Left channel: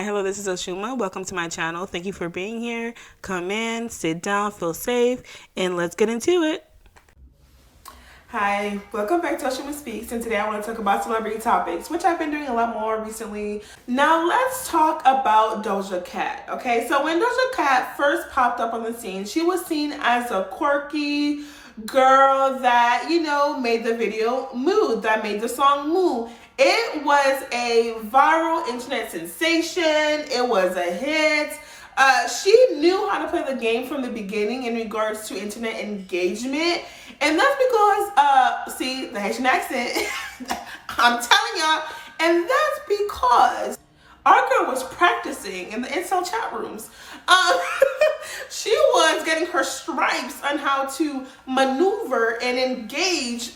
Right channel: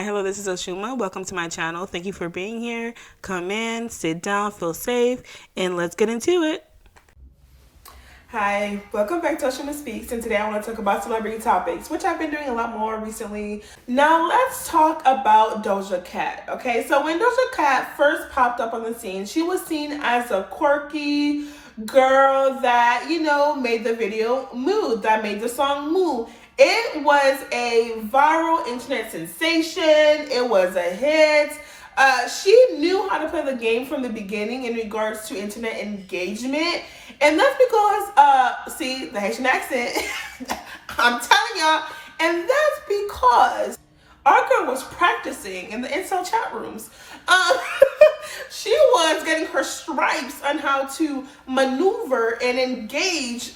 Hi, hello, this is Oshuma. Welcome to my channel. Thank you for being here. Come in, sit down, feel safe, and let's get into it. Hi, welcome back to Oshuma Speaks, and today I want to talk about celebrity topics, which I've been doing a lot more recently. Now let's talk about Dojacat. Okay, so when Dojacat first popped up on the scene, she was seen as a quirky girl that, made the video Mood, that made the song Moo. It was a viral internet sensation. It was a hit. She knew how to play the game from the beginning in regards to internet engagement. And that's because, see, the Haitian accent, I'm telling y'all, and that's because our girl was practicing in the incel chat rooms. She was getting her stripes on how to maneuver and engage,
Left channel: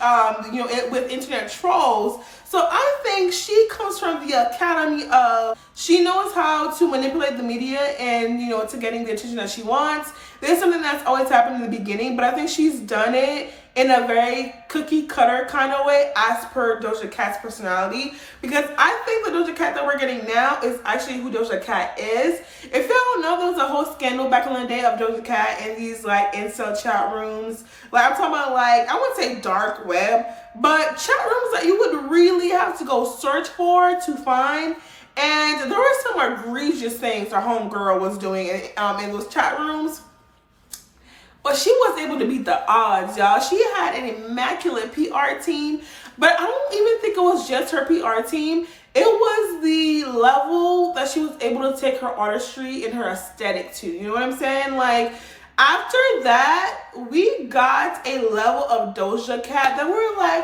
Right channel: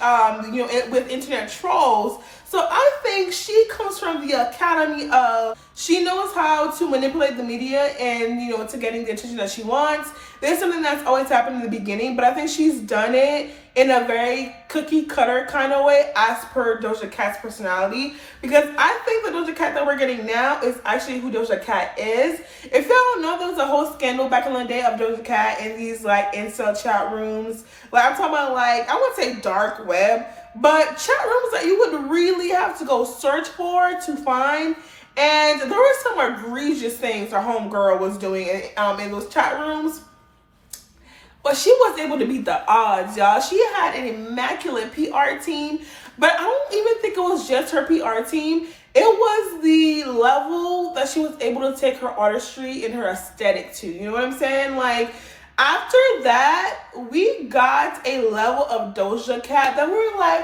with internet trolls. So I think she comes from the academy of, she knows how to manipulate the media and, to getting the attention that she wants. This is something that's always happened in the beginning, but I think she's done it in a very cookie cutter kind of way as per Doja Cat's personality. Because I think the Doja Cat that we're getting now is actually who Doja Cat is. If y'all don't know, there was a whole scandal back in the day of Doja Cat in these incel chat rooms. I'm talking about I wouldn't say dark web, but chat rooms that you would really have to go search for to find. And there were some egregious things our homegirl was doing in those chat rooms. But she was able to beat the odds, y'all. She had an immaculate PR team, but I don't even think it was just her PR team. It was the level that she was able to take her artistry and her aesthetic to. You know what I'm saying? After that, we got a level of Doja Cat that we're like,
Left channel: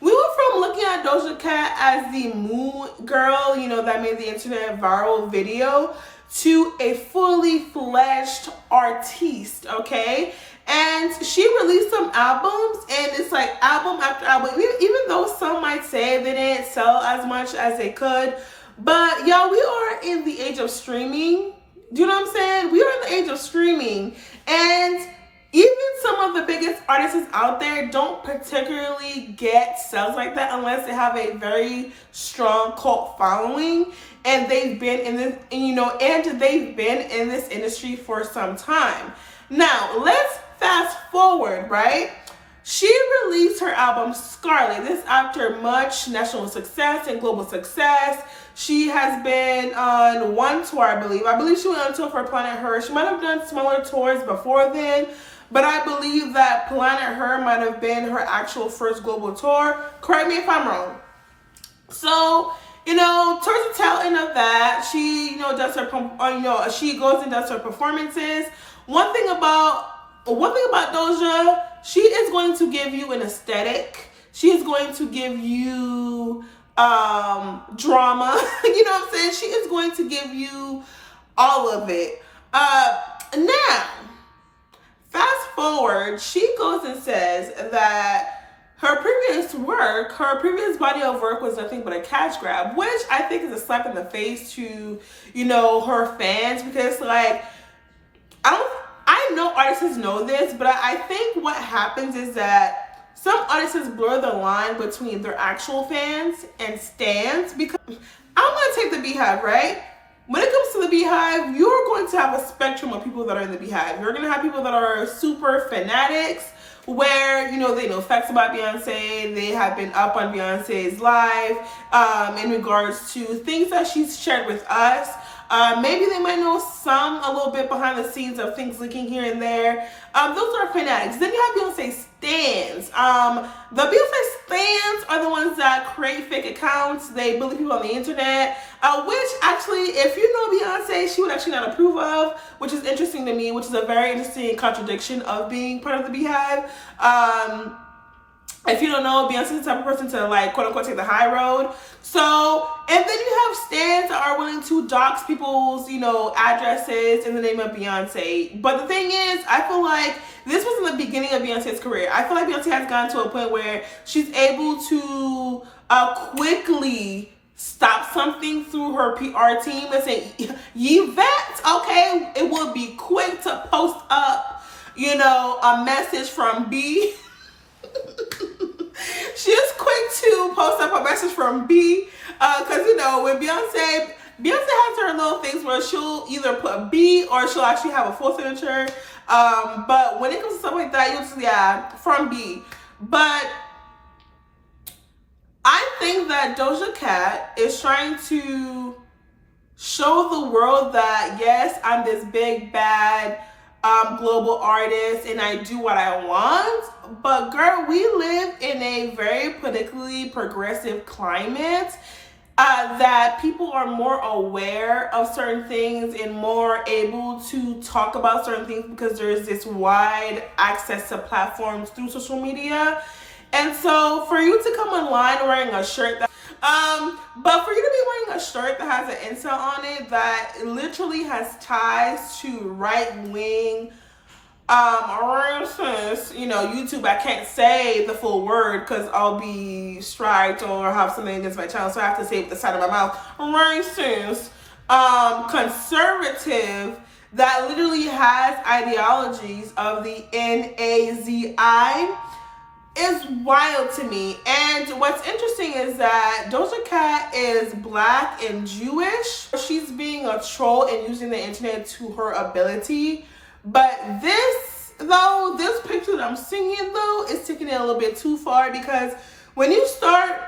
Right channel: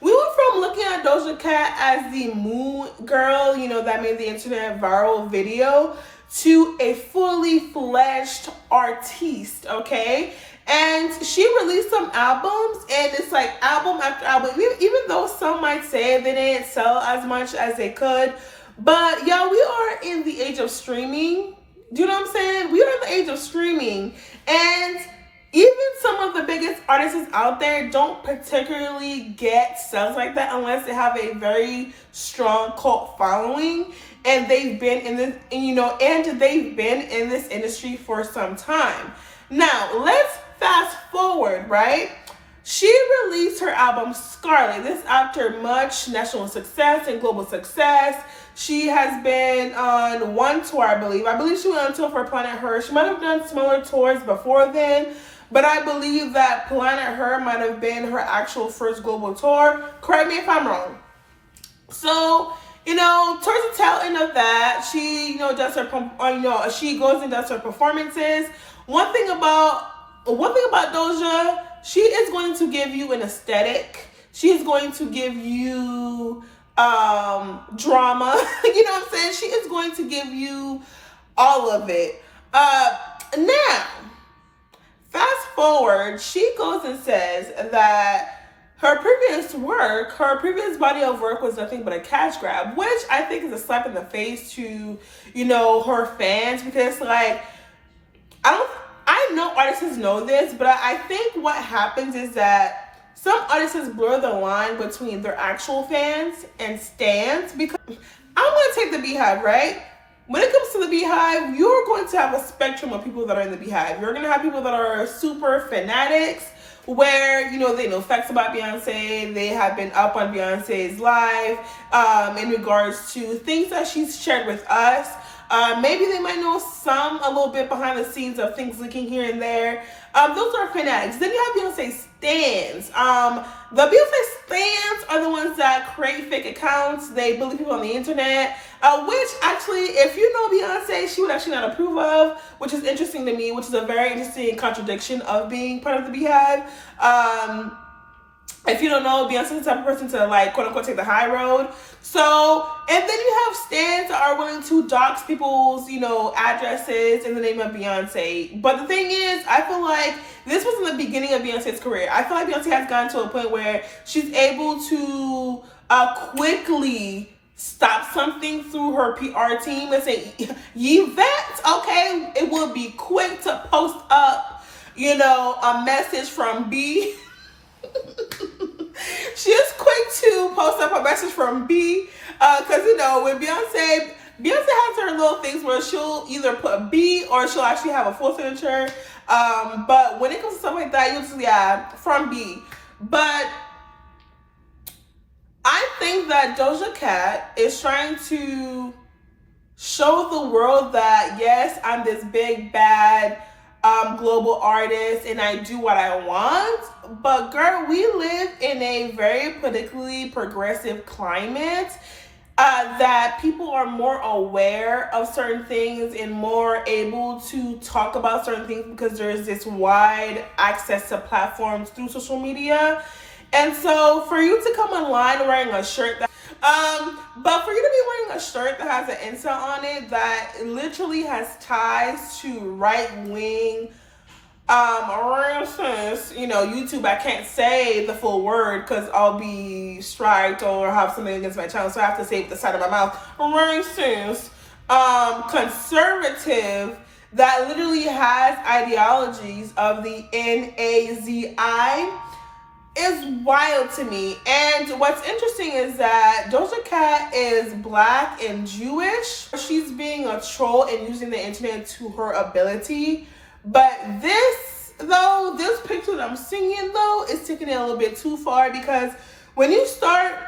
We went from looking at Doja Cat as the moon girl, that made the internet viral video, to a fully fledged artiste, okay? And she released some albums, and it's album after album, even though some might say they didn't sell as much as they could. But y'all, we are in the age of streaming. Do you know what I'm saying? We are in the age of streaming, and even some of the biggest artists out there don't particularly get sales like that unless they have a very strong cult following, and they've been in this, and they've been in this industry for some time. Now, let's fast forward, right? She released her album Scarlet. This after much national success and global success. She has been on one tour, I believe. I believe she went on tour for Planet Her. She might have done smaller tours before then, but I believe that Planet Her might have been her actual first global tour. Correct me if I'm wrong. So, towards the tail end of that, she, does her, she goes and does her performances. One thing about Doja, she is going to give you an aesthetic. She is going to give you drama. You know what I'm saying? She is going to give you all of it. Now, fast forward, she goes and says that her previous body of work was nothing but a cash grab, which I think is a slap in the face to, her fans, because I know artists know this, but I think what happens is that some artists blur the line between their actual fans and stans, because I'm going to take the Beehive, right? When it comes to the Beehive, you're going to have a spectrum of people that are in the Beehive. You're going to have people that are super fanatics, where, they know facts about Beyonce. They have been up on Beyonce's live in regards to things that she's shared with us. Maybe they might know a little bit behind the scenes of things leaking here and there. Those are fanatics. Then you have Beyonce stans. The Beyonce stans are the ones that create fake accounts. They bully people on the internet, which actually, if you know Beyonce, she would actually not approve of, which is interesting to me, which is a very interesting contradiction of being part of the Beehive. If you don't know, Beyonce's the type of person to quote unquote take the high road. So, and then you have stans that are willing to dox people's, addresses in the name of Beyonce. But the thing is, I feel like this was in the beginning of Beyonce's career. I feel like Beyonce has gotten to a point where she's able to quickly stop something through her PR team and say, Yvette, okay, it will be quick to post up, a message from B. She is quick to post up a message from B, because when Beyonce Beyonce has her little things where she'll either put a B or she'll actually have a full signature. But when it comes to stuff like that, you'll just, yeah, from B. But I think that Doja Cat is trying to show the world that, yes, I'm this big, bad, global artist and I do what I want. But girl, we live in a very politically progressive climate that people are more aware of certain things and more able to talk about certain things because there's this wide access to platforms through social media. And so for you to come online wearing a shirt that but for you to be wearing a shirt that has an incel on it that literally has ties to right-wing you know, YouTube, I can't say the full word because I'll be striked or have something against my channel, so I have to say it with the side of my mouth. Racist, conservative that literally has ideologies of the Nazi is wild to me. And what's interesting is that Doja Cat is Black and Jewish. She's being a troll and using the internet to her ability. But this picture that I'm seeing though is taking it a little bit too far, because when you start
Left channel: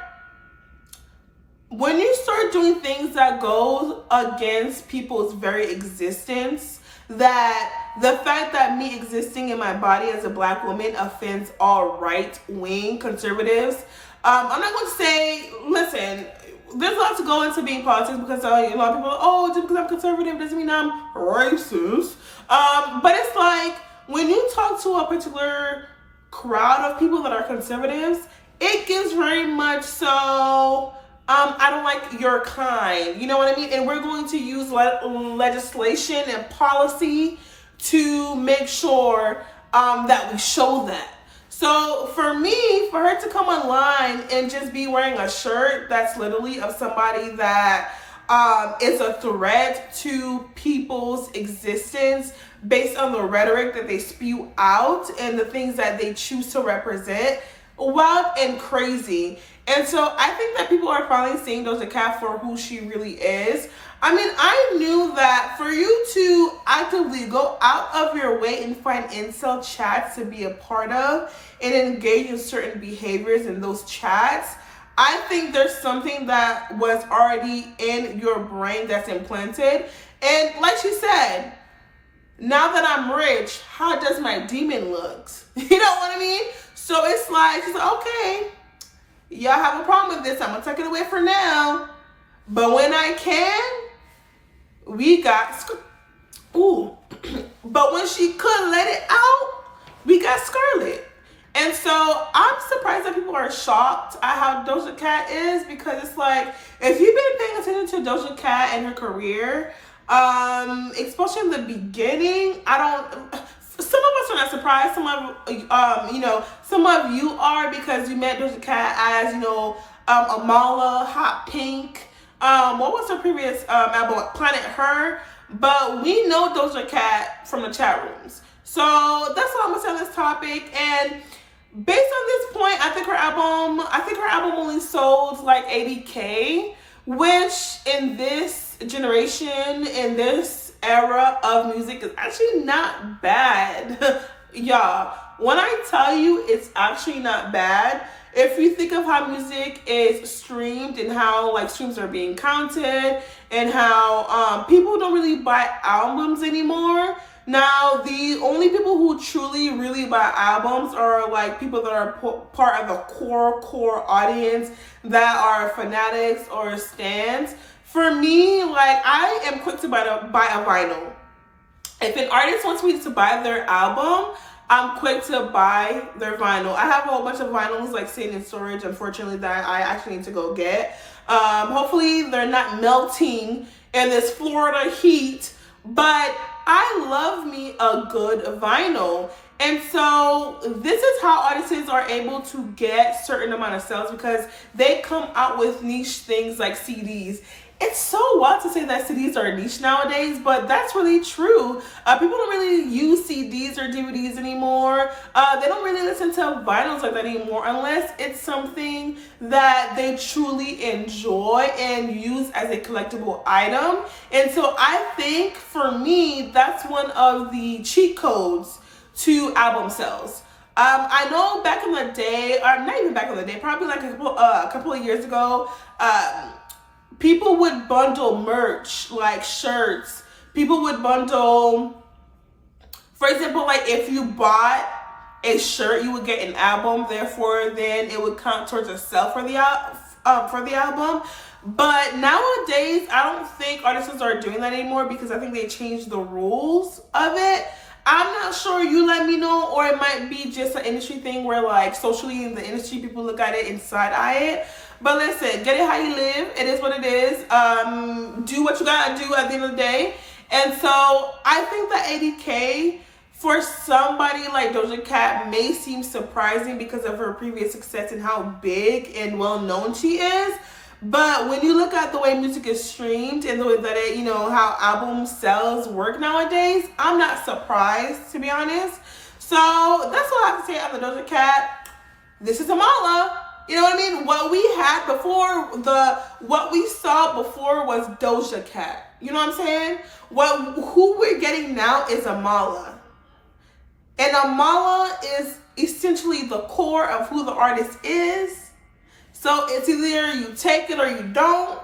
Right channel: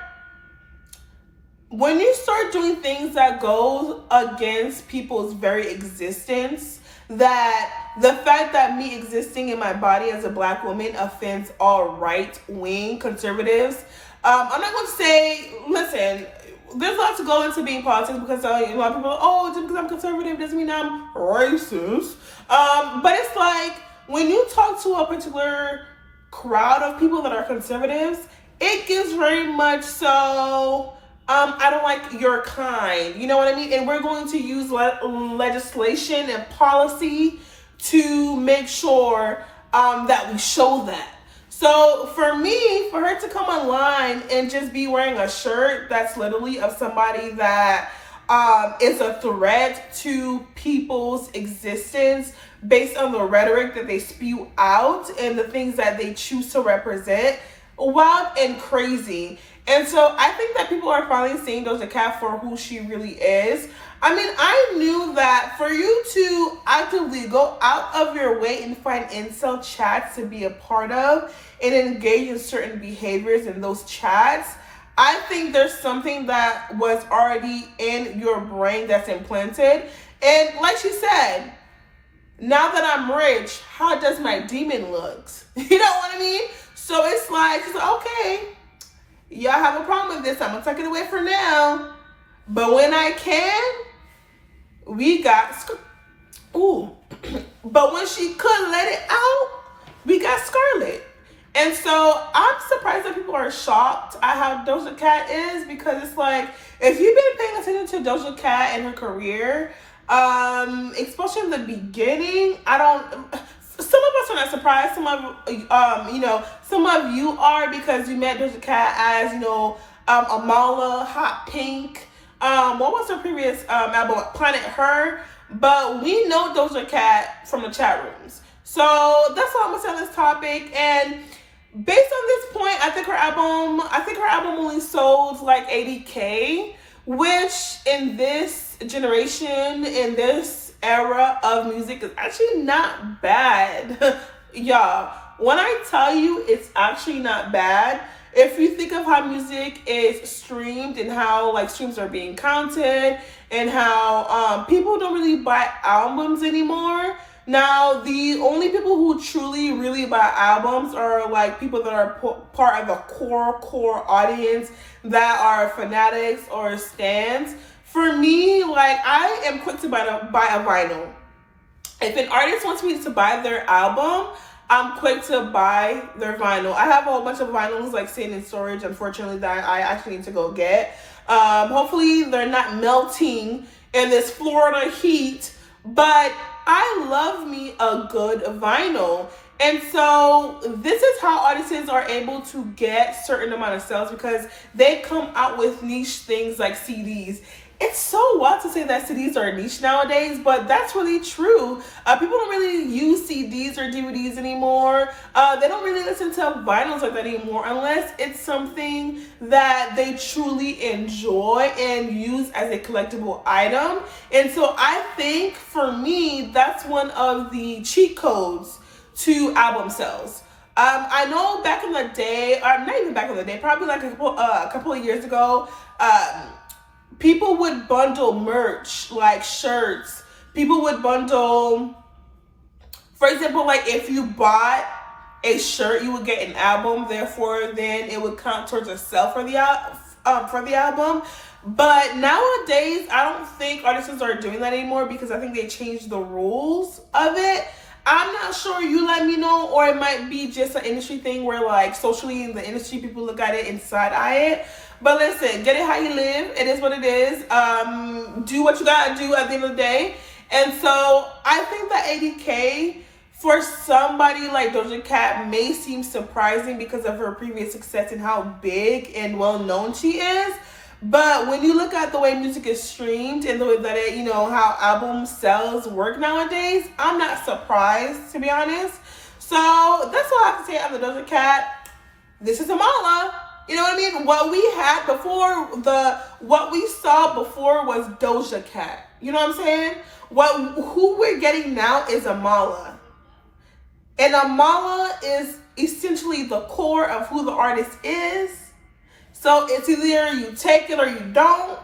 doing things that go against people's very existence, that the fact that me existing in my body as a Black woman offends all right-wing conservatives. I'm not going to say, listen, there's a lot to go into being politics because a lot of people are, oh, just because I'm conservative doesn't mean I'm racist. But it's like when you talk to a particular crowd of people that are conservatives, it gives very much so, I don't like your kind. You know what I mean? And we're going to use legislation and policy to make sure that we show that. So for me, for her to come online and just be wearing a shirt that's literally of somebody that is a threat to people's existence based on the rhetoric that they spew out and the things that they choose to represent, wild and crazy. And so I think that people are finally seeing Doja Cat for who she really is. I mean, I knew that for you to actively go out of your way and find incel chats to be a part of and engage in certain behaviors in those chats, I think there's something that was already in your brain that's implanted. And like she said, now that I'm rich, how does my demon look? You know what I mean? So it's like, she's like, okay, y'all have a problem with this, I'm gonna take it away for now. But when I can, we got, but when she couldn't let it out, we got Scarlet. And so I'm surprised that people are shocked at how Doja Cat is, because it's like, if you've been paying attention to Doja Cat and her career, especially in the beginning, some of us are not surprised. Some of, some of you are, because you met Doja Cat as, Amala, Hot Pink. What was her previous album? Planet Her. But we know Doja Cat from the chat rooms. So that's all I'm gonna say on this topic. And based on this point, I think her album only sold like 80K, which in this generation, in this era of music, is actually not bad. Y'all, when I tell you it's actually not bad, if you think of how music is streamed and how like streams are being counted and how people don't really buy albums anymore. Now, the only people who truly really buy albums are like people that are part of a core audience that are fanatics or stans. For me, like, I am quick to buy a vinyl. If an artist wants me to buy their album, I'm quick to buy their vinyl. I have a whole bunch of vinyls like sitting in storage, unfortunately, that I actually need to go get. Hopefully they're not melting in this Florida heat, but I love me a good vinyl. And so this is how artists are able to get certain amount of sales, because they come out with niche things like CDs. it's so wild to say that CDs are niche nowadays, but that's really true. People don't really use CDs or DVDs anymore. They don't really listen to vinyls like that anymore unless it's something that they truly enjoy and use as a collectible item. And so I think for me, that's one of the cheat codes to album sales. I know back in the day, or not even back in the day, probably like a couple of years ago, people would bundle merch like shirts. People would bundle, for example, like if you bought a shirt, you would get an album. Therefore, then it would count towards a sale for the album. But nowadays, I don't think artists are doing that anymore because I think they changed the rules of it. I'm not sure, you let me know, or it might be just an industry thing where like socially in the industry people look at it and side eye it. But listen, get it how you live. It is what it is. Do what you gotta do at the end of the day. And so I think that 80K for somebody like Doja Cat may seem surprising because of her previous success and how big and well known she is. But when you look at the way music is streamed and the way that it, how album sales work nowadays, I'm not surprised, to be honest. So that's all I have to say on the Doja Cat. This is Amala. You know what I mean? What we had before, what we saw before was Doja Cat. You know what I'm saying? Who we're getting now is Amala. And Amala is essentially the core of who the artist is. So it's either you take it or you don't.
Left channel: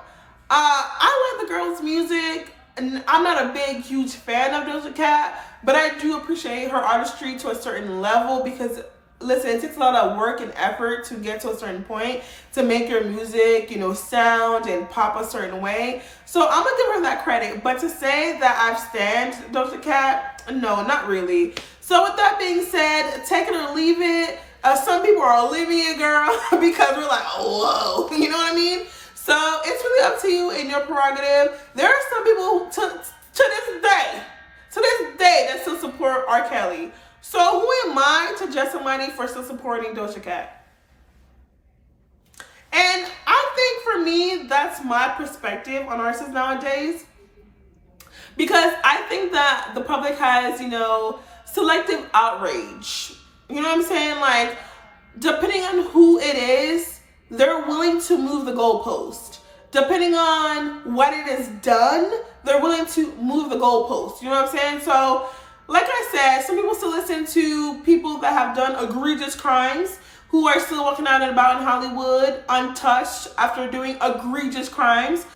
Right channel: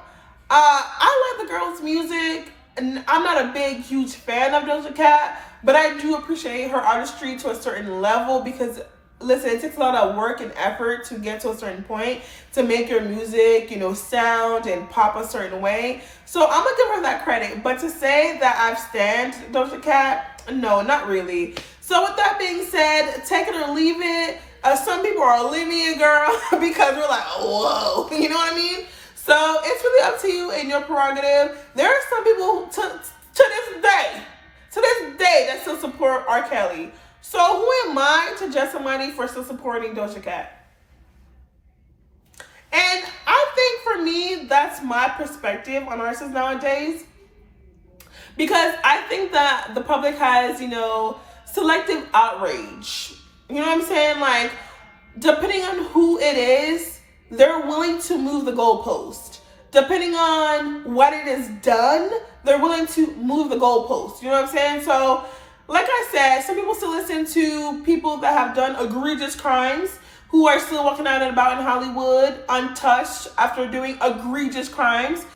I like the girl's music, and I'm not a big, huge fan of Doja Cat, but I do appreciate her artistry to a certain level because, listen, it takes a lot of work and effort to get to a certain point to make your music, sound and pop a certain way. So I'm gonna give her that credit. But to say that I've stand Doja Cat, no, not really. So with that being said, take it or leave it. Some people are leaving it, girl, because we're like, whoa, you know what I mean? So it's really up to you and your prerogative. There are some people to this day that still support R. Kelly. So who am I to judge somebody for still supporting Doja Cat? And I think for me, that's my perspective on artists nowadays. Because I think that the public has, selective outrage. You know what I'm saying? Like, depending on who it is, they're willing to move the goalpost. Depending on what it is done, they're willing to move the goalpost. You know what I'm saying? So, like I said, some people still listen to people that have done egregious crimes, who are still walking out and about in Hollywood untouched after doing egregious crimes.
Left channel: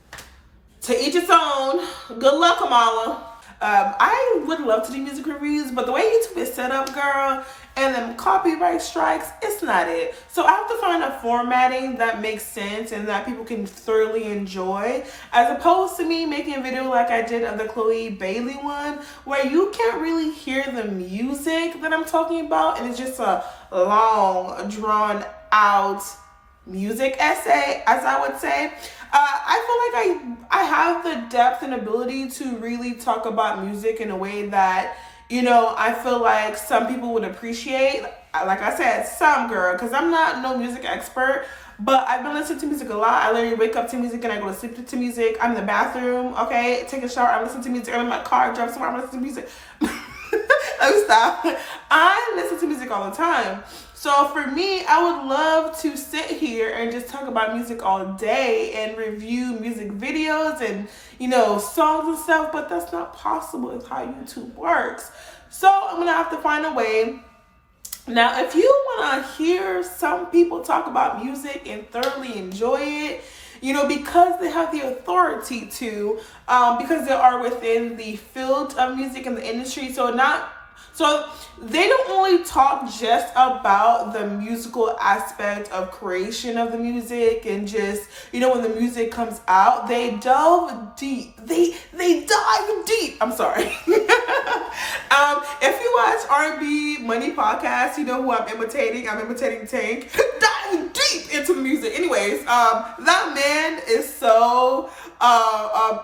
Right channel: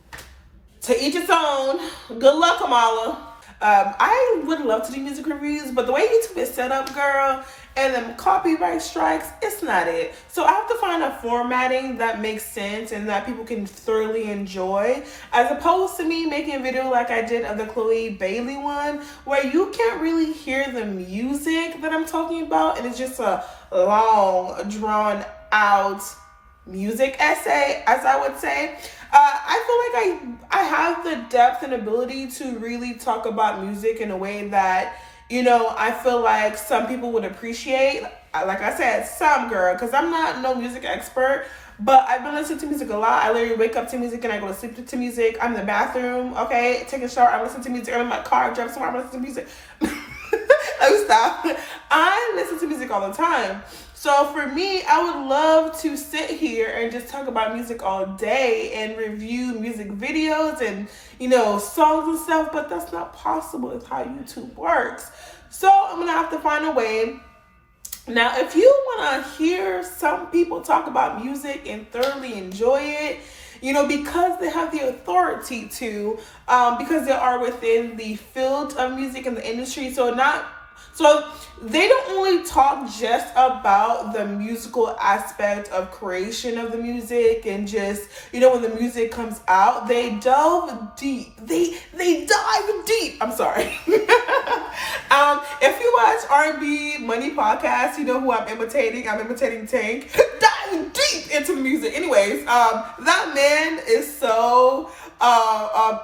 To each its own. Good luck, Amala. I would love to do music reviews, but the way YouTube is set up, girl, and then copyright strikes, it's not it. So I have to find a formatting that makes sense and that people can thoroughly enjoy, as opposed to me making a video like I did of the Chloe Bailey one, where you can't really hear the music that I'm talking about, and it's just a long, drawn out music essay, as I would say. I feel like I have the depth and ability to really talk about music in a way that, I feel like some people would appreciate. Like I said, some, girl, because I'm not no music expert, but I've been listening to music a lot. I literally wake up to music and I go to sleep to music. I'm in the bathroom, okay, take a shower, I'm listening to music. I'm in my car, drive somewhere, I'm listening to music. Let me stop. I listen to music all the time. So for me, I would love to sit here and just talk about music all day and review music videos and, songs and stuff, but that's not possible. It's how YouTube works. So I'm going to have to find a way. Now, if you want to hear some people talk about music and thoroughly enjoy it, because they have the authority to, because they are within the field of music and the industry. So they don't only talk just about the musical aspect of creation of the music and just, when the music comes out, they delve deep. They dive deep. I'm sorry. If you watch RnB Money Podcast, you know who I'm imitating. I'm imitating Tank. Dive deep into the music. Anyways, that man is so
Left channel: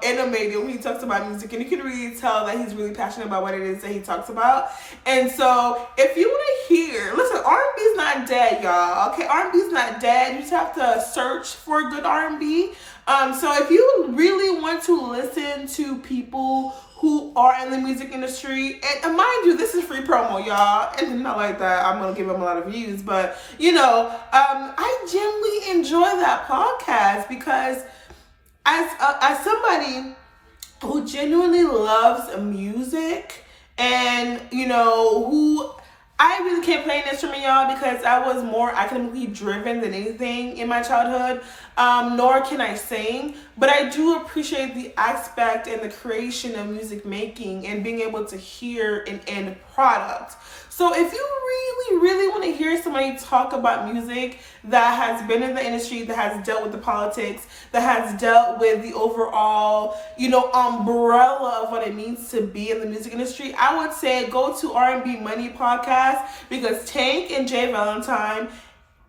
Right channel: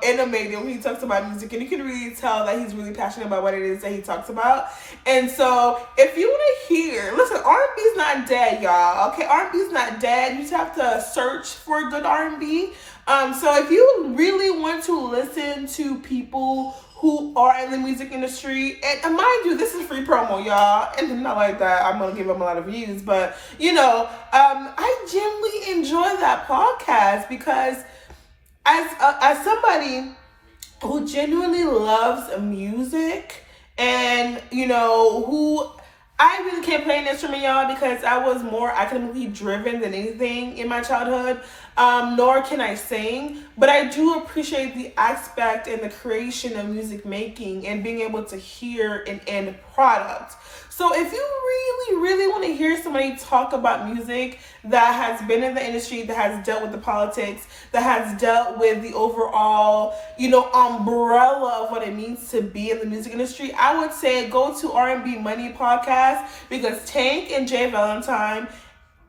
animated when he talks about music, and you can really tell that he's really passionate about what it is that he talks about. And so if you want to hear, listen, R&B is not dead, y'all. Okay, R&B is not dead. You just have to search for good R&B. So if you really want to listen to people who are in the music industry, and mind you, this is free promo, y'all, and not like that I'm gonna give them a lot of views, but you know, I genuinely enjoy that podcast because as somebody who genuinely loves music, and you know, who I really can't play an instrument, y'all, because I was more academically driven than anything in my childhood, nor can I sing, but I do appreciate the aspect and the creation of music making and being able to hear an end product. So if you really want to hear somebody talk about music that has been in the industry, that has dealt with the politics, that has dealt with the overall, you know, umbrella of what it means to be in the music industry, I would say go to R&B Money podcast, because Tank and Jay Valentine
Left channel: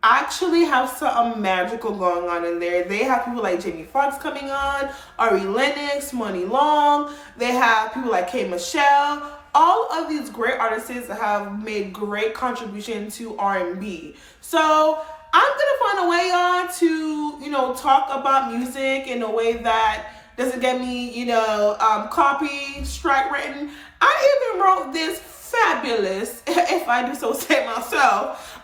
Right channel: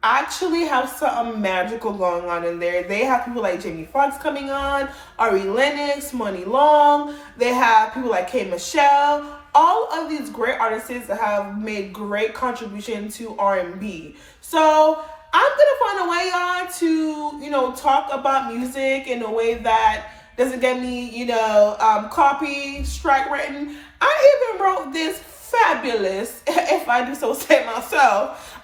actually have something magical going on in there. They have people like Jamie Foxx coming on, Ari Lennox, Money Long. They have people like K. Michelle. All of these great artists that have made great contribution to R&B. So I'm gonna find a way on to, you know, talk about music in a way that doesn't get me, you know, copy strike written. I even wrote this fabulous, if I do so say myself,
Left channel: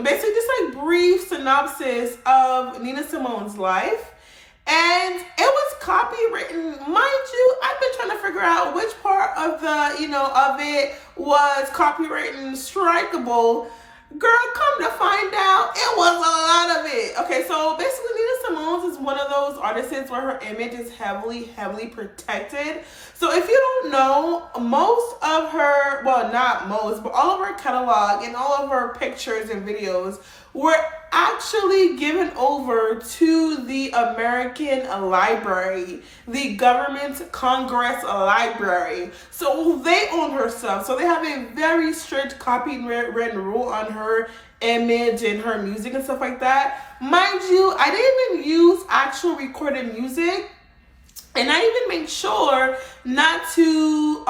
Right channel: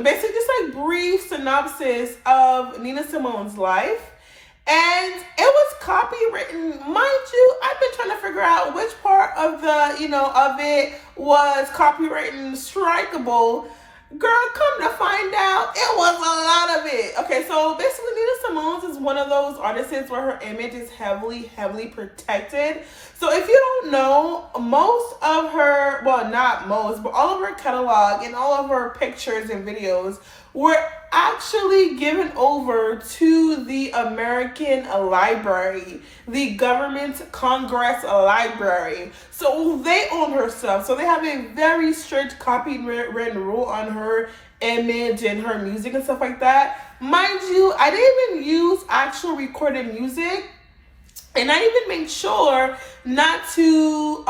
basically just like brief synopsis of Nina Simone's life. And it was copywritten, mind you. I've been trying to figure out which part of the, you know, of it was copywritten strikeable. Girl, come to find out, it was a lot of it. Okay, so basically Nina Simone is one of those artists where her image is heavily protected. So if you don't know, most of her, well, not most, but all of her catalog and all of her pictures and videos were actually given over to the American Library, the government Congress Library. So they own her stuff. So they have a very strict copyright rule on her image and her music and stuff like that. Mind you, I didn't even use actual recorded music. And I even made sure not to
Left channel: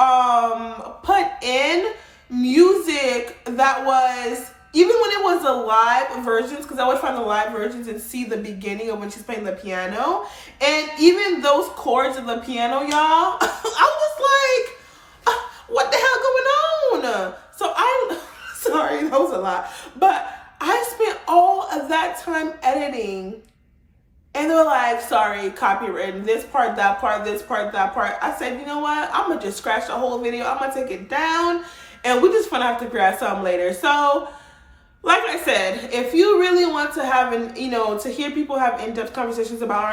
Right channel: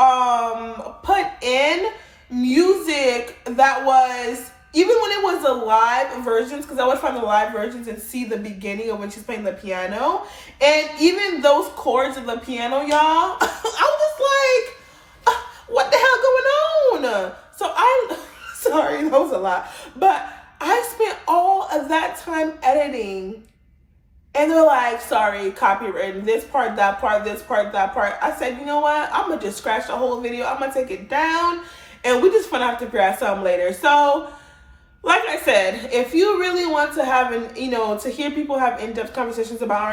put in music that was, even when it was the live versions, because I would find the live versions and see the beginning of when she's playing the piano. And even those chords of the piano, y'all, I was like, what the hell going on? So sorry, that was a lot. But I spent all of that time editing. And they were like, sorry, copywritten, this part, that part, this part, that part. I said, you know what? I'm going to just scratch the whole video. I'm going to take it down. And we just going to have to grab some later. So, like I said, if you really want to have to hear people have in-depth conversations about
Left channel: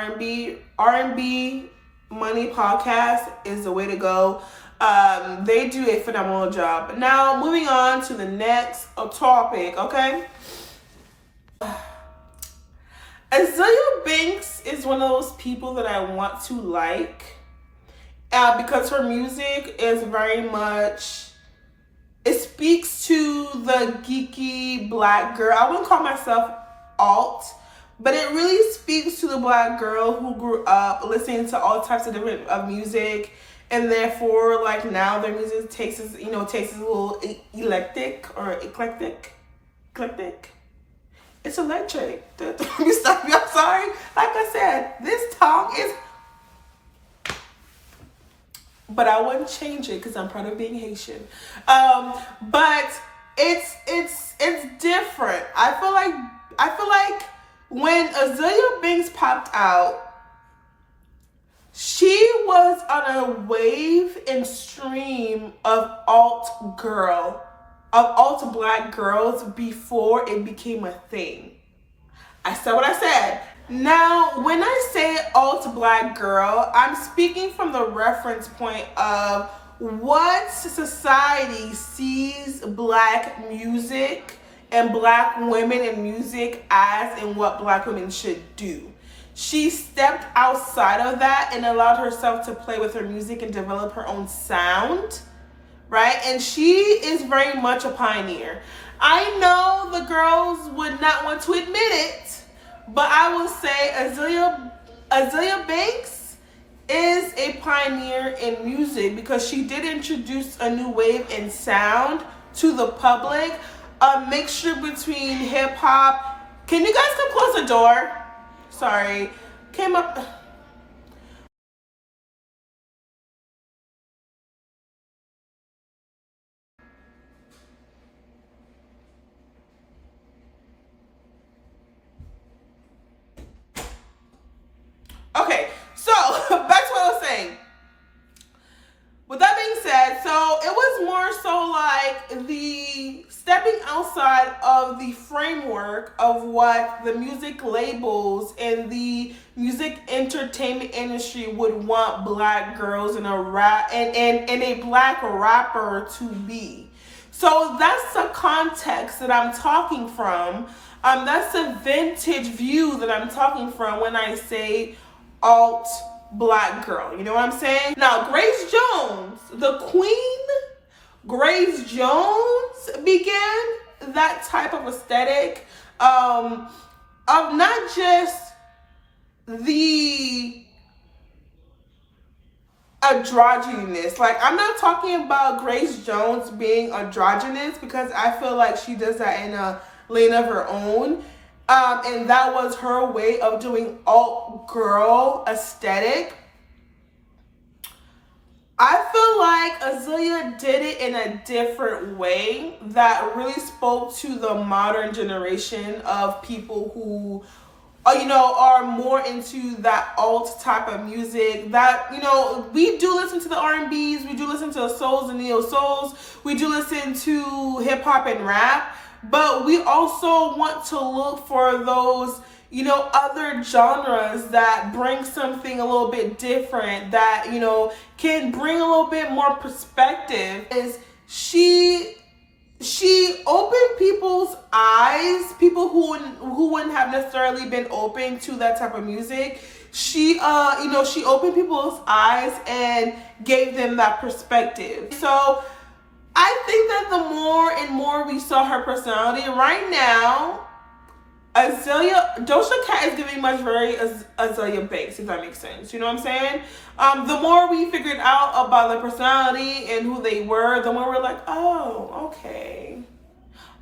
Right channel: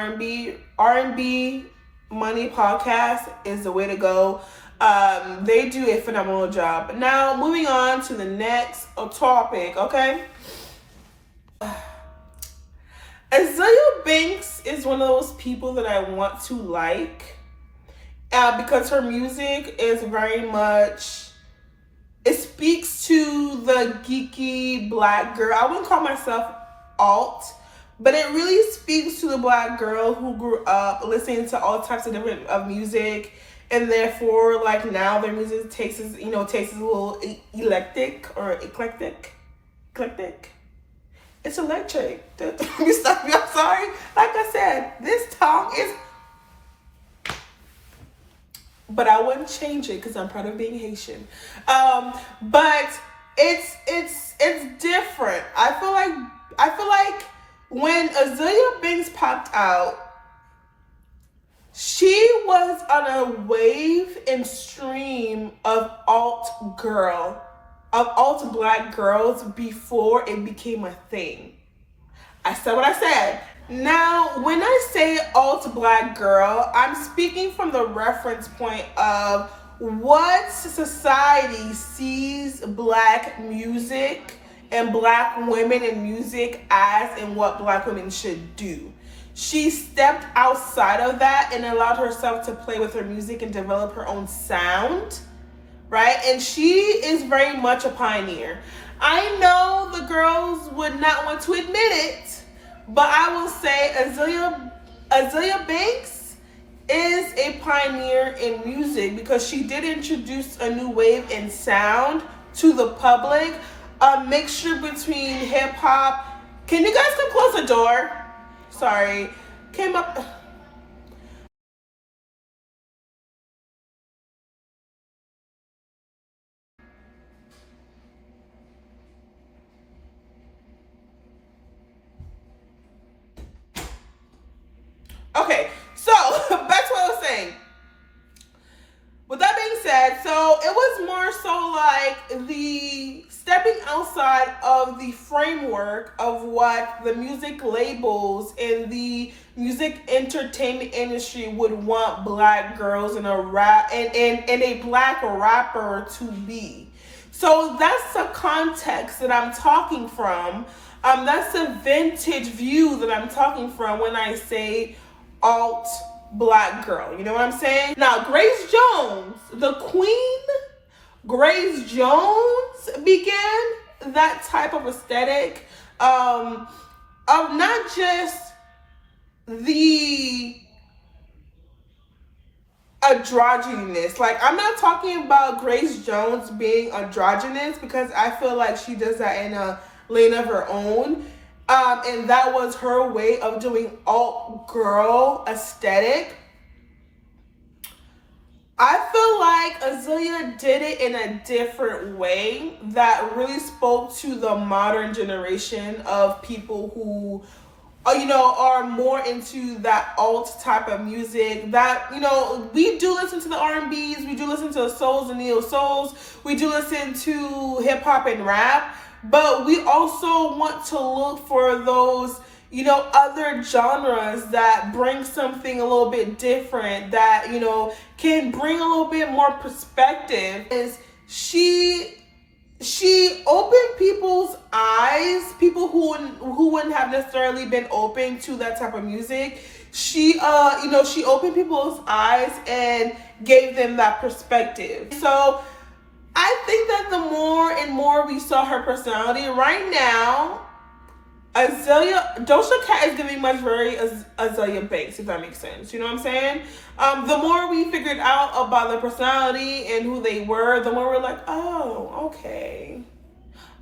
R&B Money podcast is the way to go. They do a phenomenal job. Now, moving on to the next topic, okay? Azelia Banks is one of those people that I want to like because her music is very much, it speaks to the geeky black girl. I wouldn't call myself alt, but it really speaks to the black girl who grew up listening to all types of different music, and therefore, like, now their music tastes a little eclectic. It's electric. Let me stop you. I'm sorry. Like I said, this tongue is, but I wouldn't change it because I'm proud of being Haitian. But it's different. I feel like when Azelia Banks popped out, she was on a wave and stream of alt black girls before it became a thing. I said what I said. Now, when I say alt black girl, I'm speaking from the reference point of what society sees black music and black women in music as, and what black women should do. She stepped outside of that and allowed herself to play with her music and develop her own sound, right? And she is very much a pioneer. I know the girls would not want to admit it, but I will say Azelia Banks is a pioneer in music because she did introduce a new wave in sound to the public, a mixture between hip hop. Can you guys come close the door? Sorry. Came up. Okay, so back to what I was saying. With that being said, so it was more so like the stepping outside of the framework of what the music labels and the music entertainment industry would want black girls and a black rapper to be. So that's the context that I'm talking from. That's the vintage view that I'm talking from when I say alt black girl. You know what I'm saying? Now, Grace Jones, the queen, Grace Jones began that type of aesthetic of not just the androgynous. Like, I'm not talking about Grace Jones being androgynous because I feel like she does that in a lane of her own. And that was her way of doing alt girl aesthetic. I feel like Azelia did it in a different way that really spoke to the modern generation of people who, are more into that alt type of music. That, we do listen to the R&Bs, we do listen to souls and neo souls, we do listen to hip hop and rap. But we also want to look for those, other genres that bring something a little bit different, that, can bring a little bit more perspective. Is she opened people's eyes, people who wouldn't have necessarily been open to that type of music. She opened people's eyes and gave them that perspective. So I think that the more and more we saw her personality right now, Dojacat is giving much very Azelia Banks, if that makes sense. You know what I'm saying? The more we figured out about their personality and who they were, the more we're like, oh, okay.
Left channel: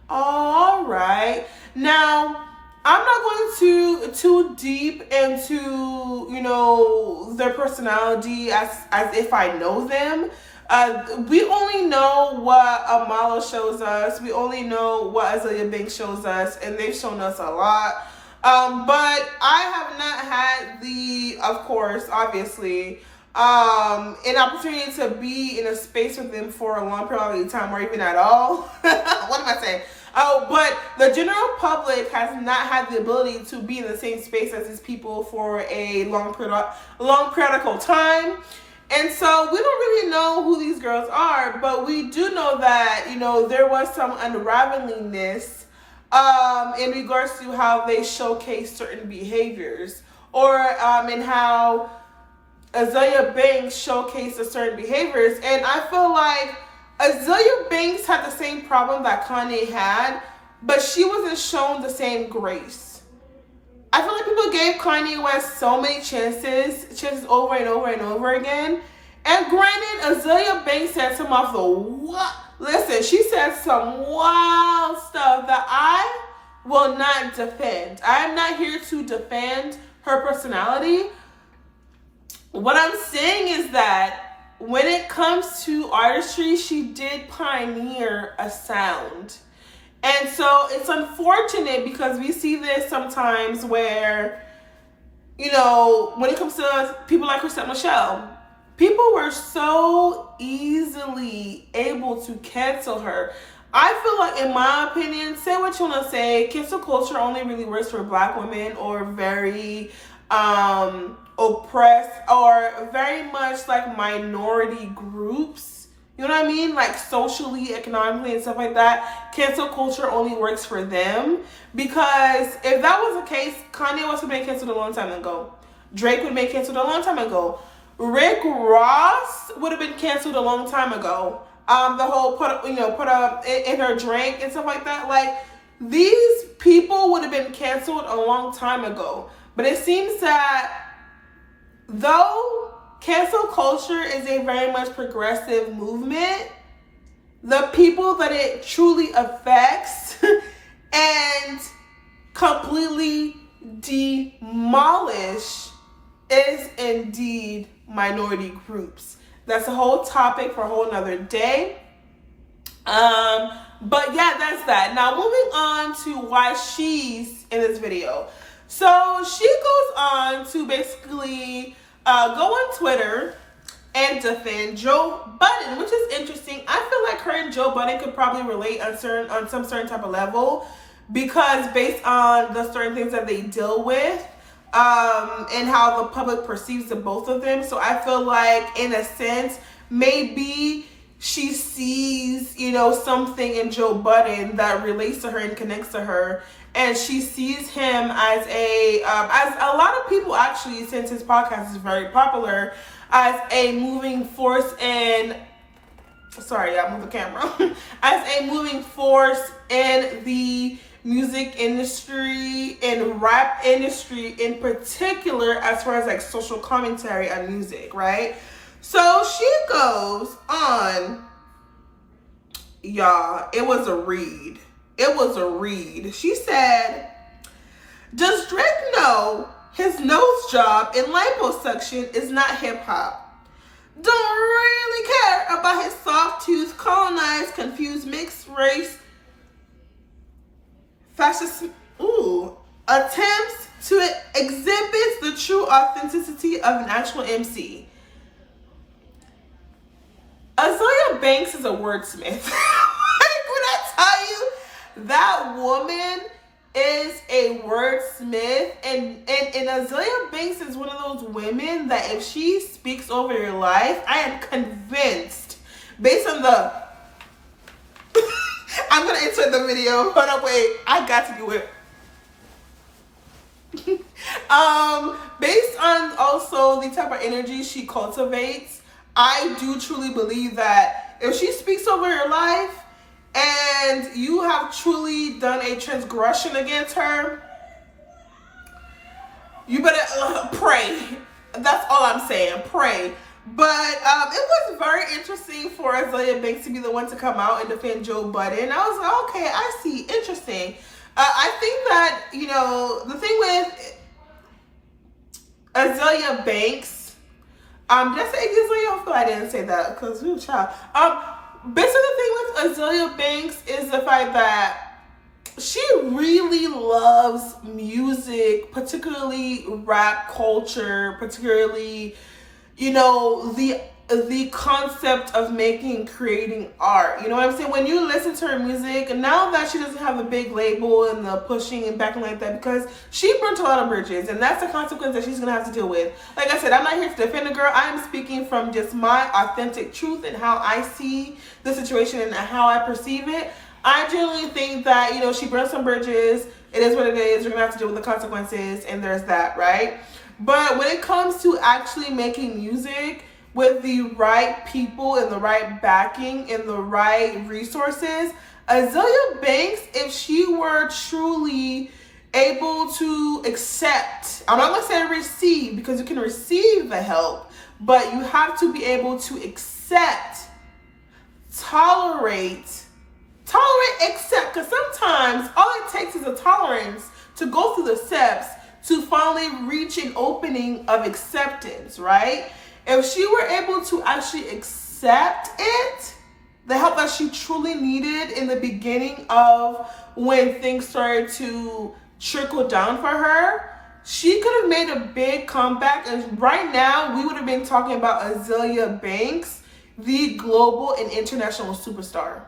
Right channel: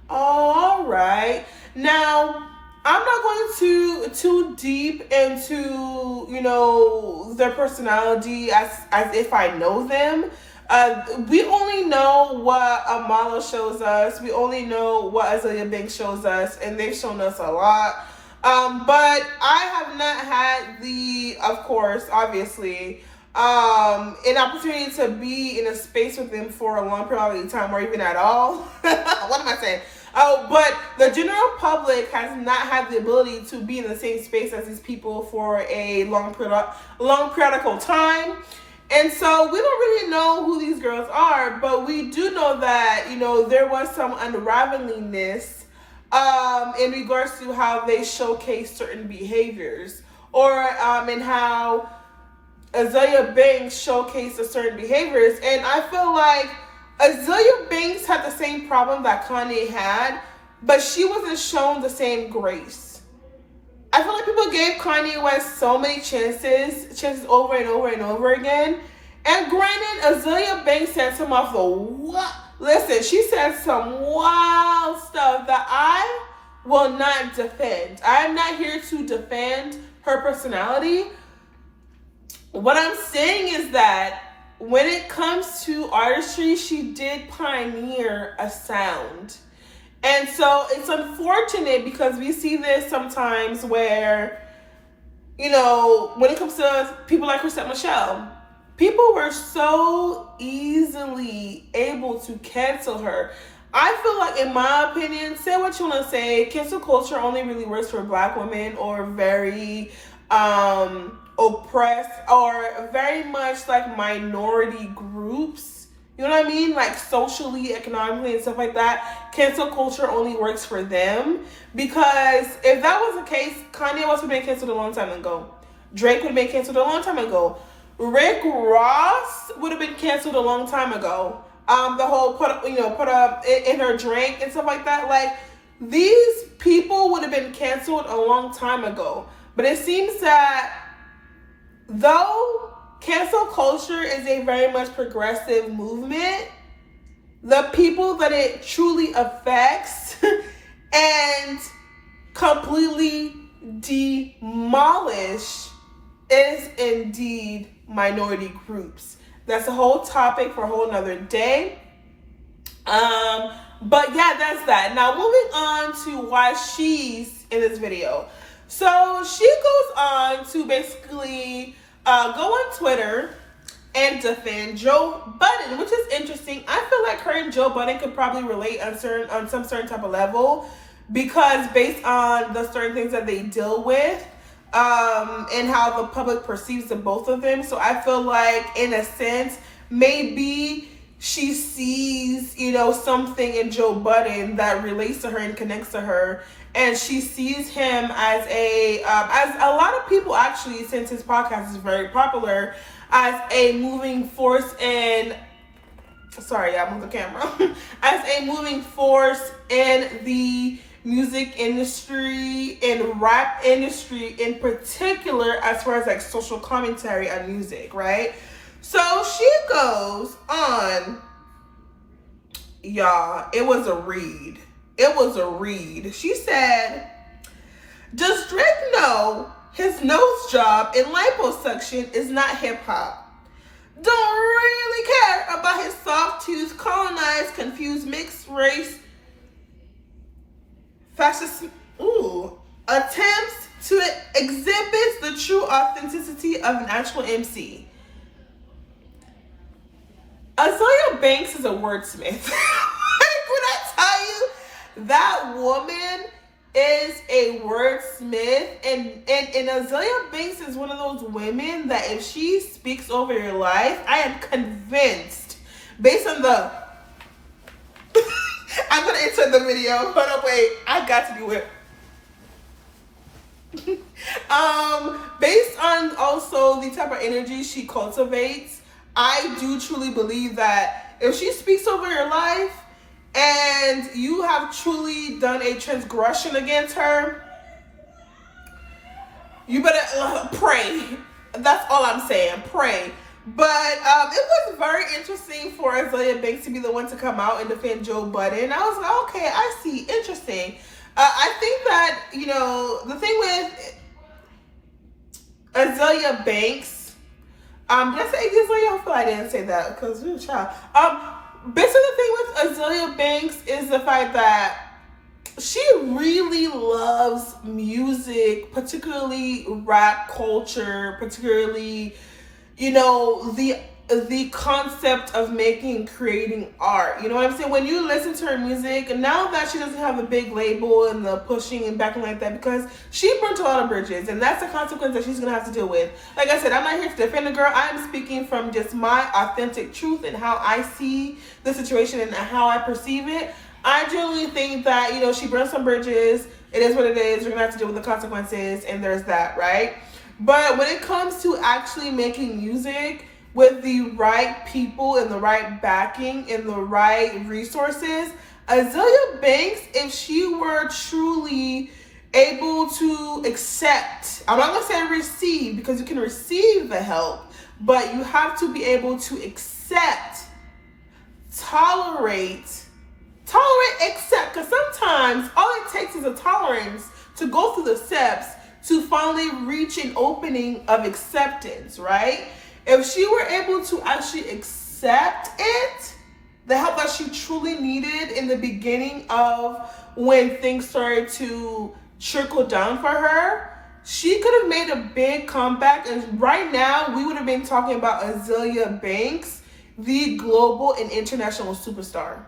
All right. Now, I'm not going too deep into, their personality as if I know them. We only know what Amala shows us. We only know what Azelia Banks shows us, and they've shown us a lot. But I have not had of course, obviously, an opportunity to be in a space with them for a long period of time, or even at all. What am I saying? Oh, but the general public has not had the ability to be in the same space as these people for a long periodical time. And so we don't really know who these girls are, but we do know that, there was some unravelingness in regards to how they showcase certain behaviors, or in how Azelia Banks showcased certain behaviors. And I feel like Azelia Banks had the same problem that Kanye had, but she wasn't shown the same grace. I feel like people gave Kanye West so many chances over and over and over again. And granted, Azelia Banks said some of the listen, she said some wild stuff that I will not defend. I am not here to defend her personality. What I'm saying is that when it comes to artistry, she did pioneer a sound. And so it's unfortunate because we see this sometimes where, when it comes to people like Chrisette Michele, people were so easily able to cancel her. I feel like, in my opinion, say what you want to say, cancel culture only really works for Black women or very oppressed or very much like minority groups. You know what I mean? Like socially, economically, and stuff like that. Cancel culture only works for them. Because if that was the case, Kanye West would have been canceled a long time ago. Drake would have been canceled a long time ago. Rick Ross would have been canceled a long time ago. The whole put up in her drink and stuff like that. Like, these people would have been canceled a long time ago. But it seems that though cancel culture is a very much progressive movement, the people that it truly affects and completely demolish is indeed minority groups. That's a whole topic for a whole nother day. But yeah, that's that. Now moving on to why she's in this video. So she goes on to basically go on Twitter and defend Joe Budden, which is interesting. I feel like her and Joe Budden could probably relate on some certain type of level, because based on the certain things that they deal with, and how the public perceives the both of them. So I feel like, in a sense, maybe she sees, something in Joe Budden that relates to her and connects to her. And she sees him as as a lot of people actually, since his podcast is very popular, as a moving force in, sorry, I moved the camera, as a moving force in the music industry and rap industry in particular, as far as like social commentary on music, right? So she goes on, y'all, it was a read. She said, does Drake know his nose job and liposuction is not hip hop? Don't really care about his soft tooth, colonized, confused, mixed race, fascist, attempts to exhibit the true authenticity of an actual MC. Azelia Banks is a wordsmith. Like, when I tell you, that woman is a wordsmith, and Azelia Banks is one of those women that if she speaks over your life, I am convinced, based on the I'm gonna insert the video. Hold on, wait. I got to do it. Based on also the type of energy she cultivates, I do truly believe that if she speaks over your life and you have truly done a transgression against her, you better pray. That's all I'm saying. Pray. But it was very interesting for Azelia Banks to be the one to come out and defend Joe Budden. I was like, okay, I see. Interesting. I think that, the thing with Azelia Banks, did I say Azelia? Hopefully I didn't say that, because, child. Basically the thing with Azelia Banks is the fact that she really loves music, particularly rap culture, particularly, the concept of creating art. You know what I'm saying? When you listen to her music, now that she doesn't have a big label and the pushing and backing like that, because she burnt a lot of bridges, and that's the consequence that she's gonna have to deal with. Like I said, I'm not here to defend the girl. I am speaking from just my authentic truth and how I see the situation and how I perceive it. I genuinely think that, she burned some bridges. It is what it is. We're gonna have to deal with the consequences, and there's that, right? But when it comes to actually making music with the right people and the right backing and the right resources, Azelia Banks, if she were truly able to accept, I'm not going to say receive, because you can receive the help, but you have to be able to accept, tolerate, accept, because sometimes all it takes is a tolerance to go through the steps to finally reach an opening of acceptance, right? If she were able to actually accept it, the help that she truly needed in the beginning of when things started to trickle down for her, she could have made a big comeback. And right now, we would have been talking about Azelia Banks, the global and international superstar.